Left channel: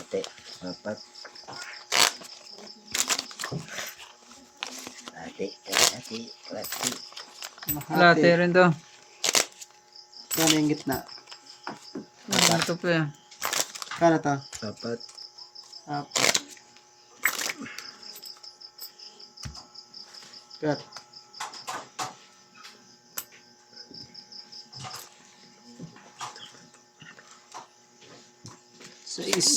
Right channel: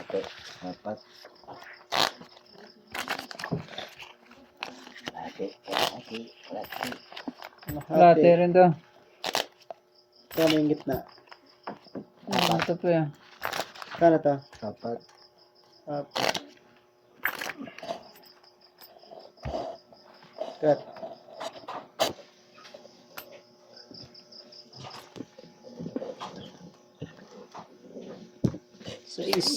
Ate, apat. Ate. Latte rin to. Kano yung gitna? Ito pa yan. Kano to? Apat. Apat. Cut. Sais.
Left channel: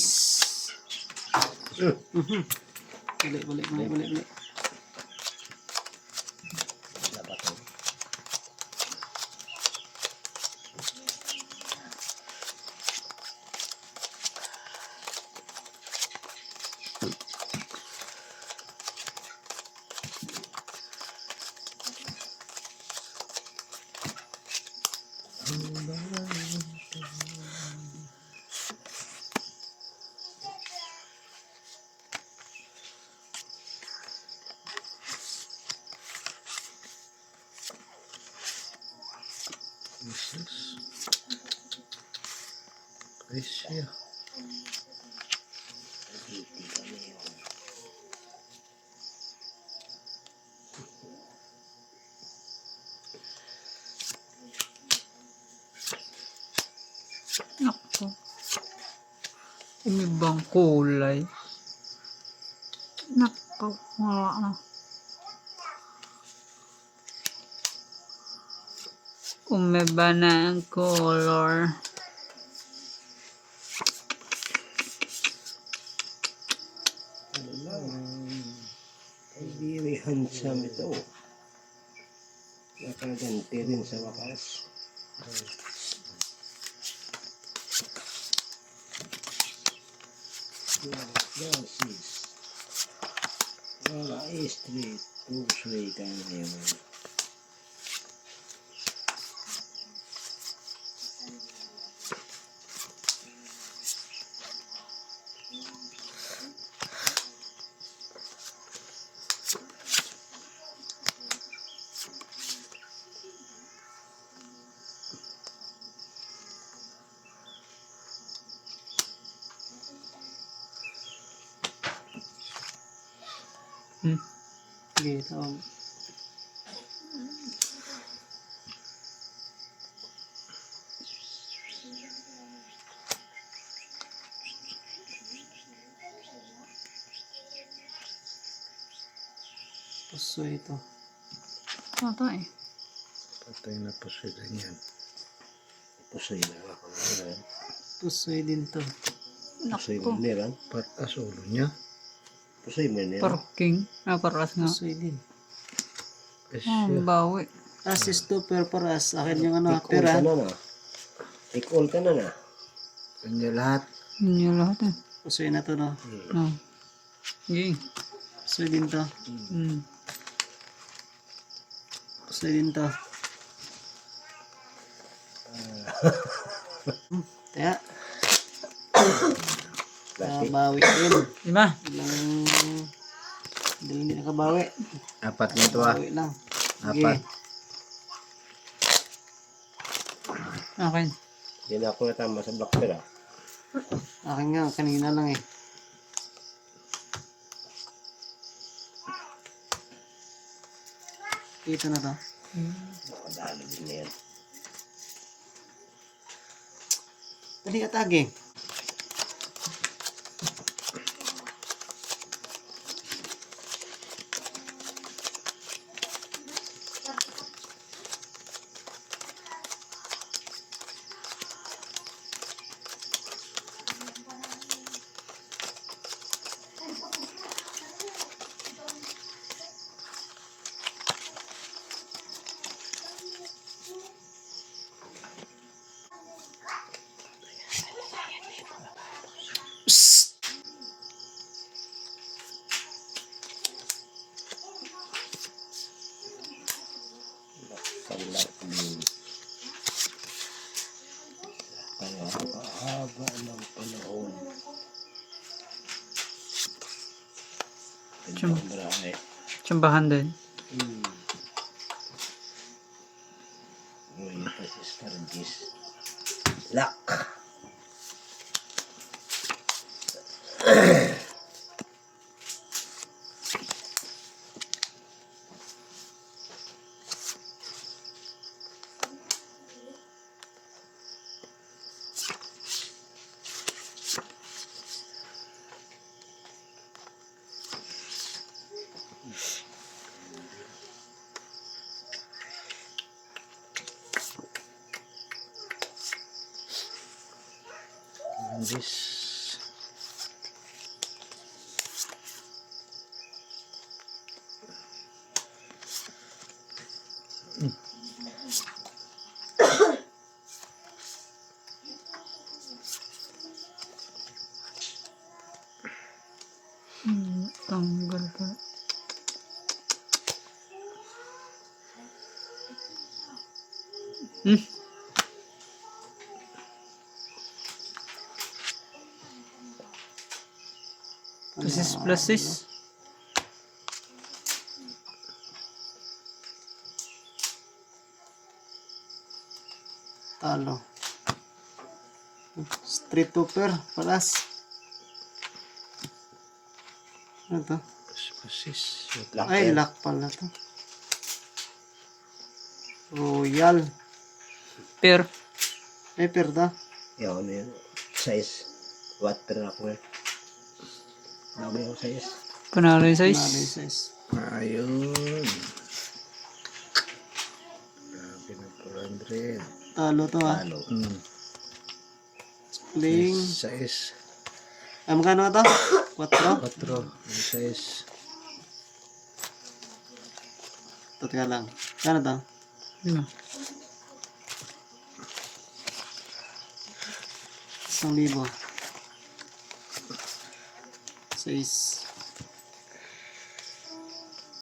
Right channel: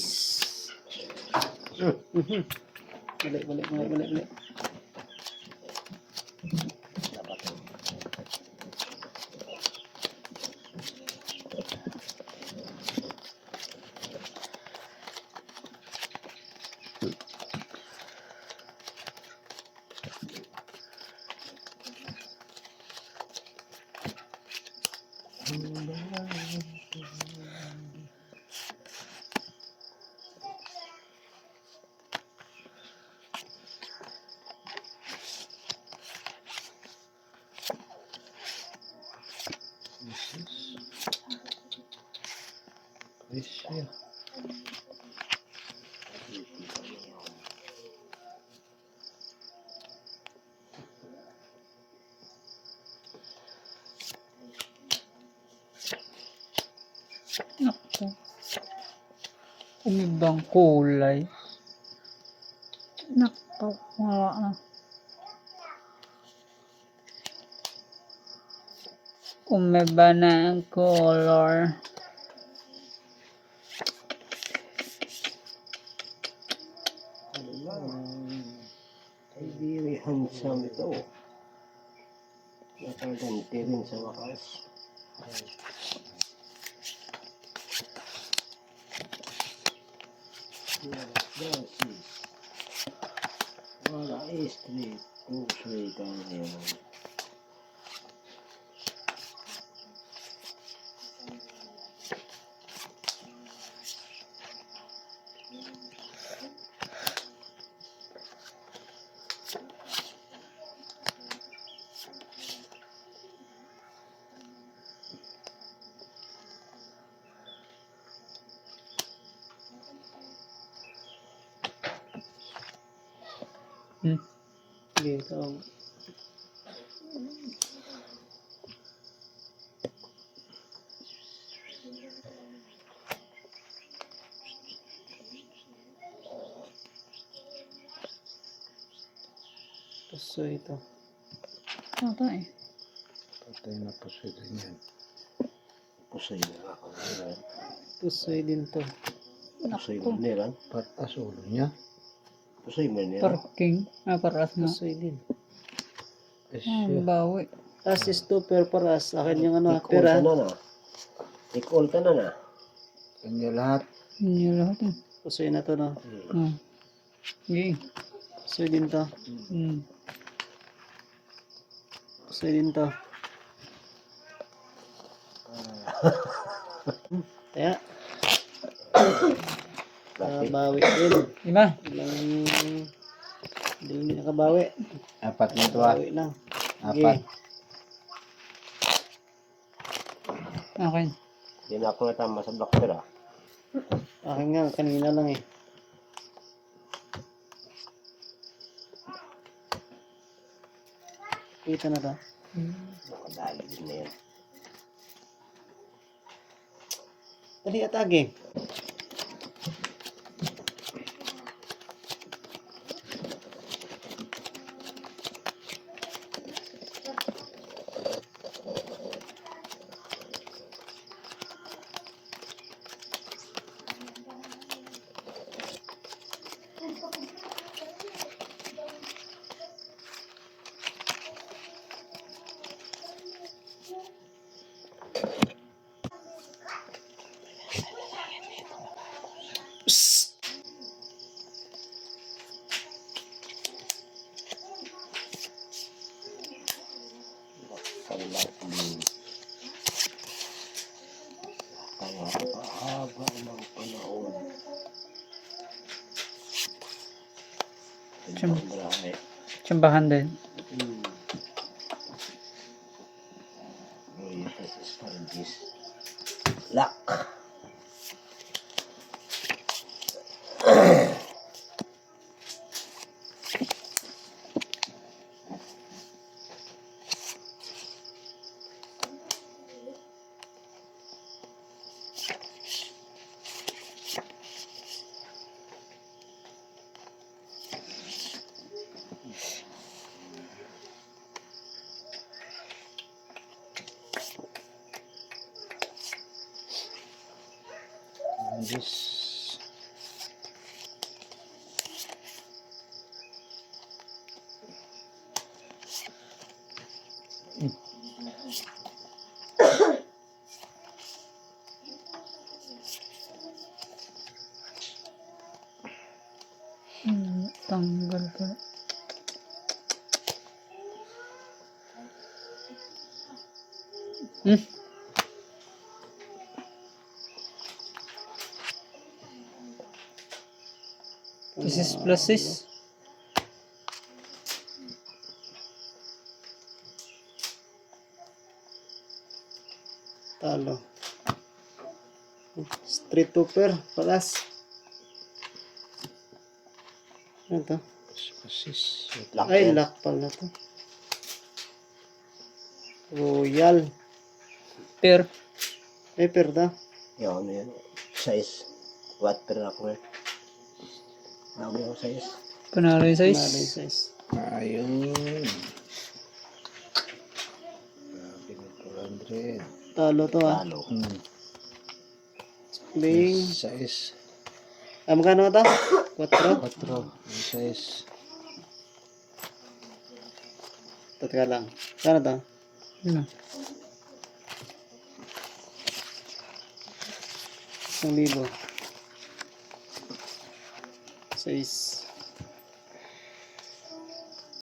Balik. Presyo. Naku. Umibang kulay. Naku. Wala na. Umiba na ang color. Ano lang. Ay, very handsome ito. Nakaganti rin sa wakas. Glasses. Wala straight. Straight ang ngayon. Dito. Puso ito. Ito eh. Patay na po sila niyan. Pusay na ako niyan. Pusoy din to. Pusay Naku. mo niyan. Patas ulo niya. Pusay mo niyan. Parking. Paras nga. Pusoy din. Presyo. Bawi. Tapos is to paras. Akin yung ano, Take all tira. ka na na. Take all ka na na. Kanya lahat. Yun yung lahat eh. Pusoy na to, no? Oh. Yay. Pusoy din to. Pusoy din to. Kaya. Bawi din. Lima. Hindi nakabawi. Apat na ito ah. Bawi lang. Apat. Akin. Hindi na ako natama sa blocker ah. Akin nga, kanina lang eh. Ito na to. Nakadala din na yan. Dali atake. Palat din. Kaya haba ng panahon. Brahe. Tsambahan din. Uy, ito Argis. Lock. Argis. Tanggal pala. Hmm? This is plus 6. Talo. Street Tooper. Palas. Ano to? Pasis. Lock Ay, yan. lock pala to. Royal. Pair. Ay, perda. Yun, ano yun. Size. What per ako eh. Bago yung size. Panalo yung Nalay size. size. Ayun. Grabe na 400. Talo to ah. Talo. Playing. Size. Magkano to? 4? 4. Size. Teka lang. Kano to? Ano? 1,000. 6.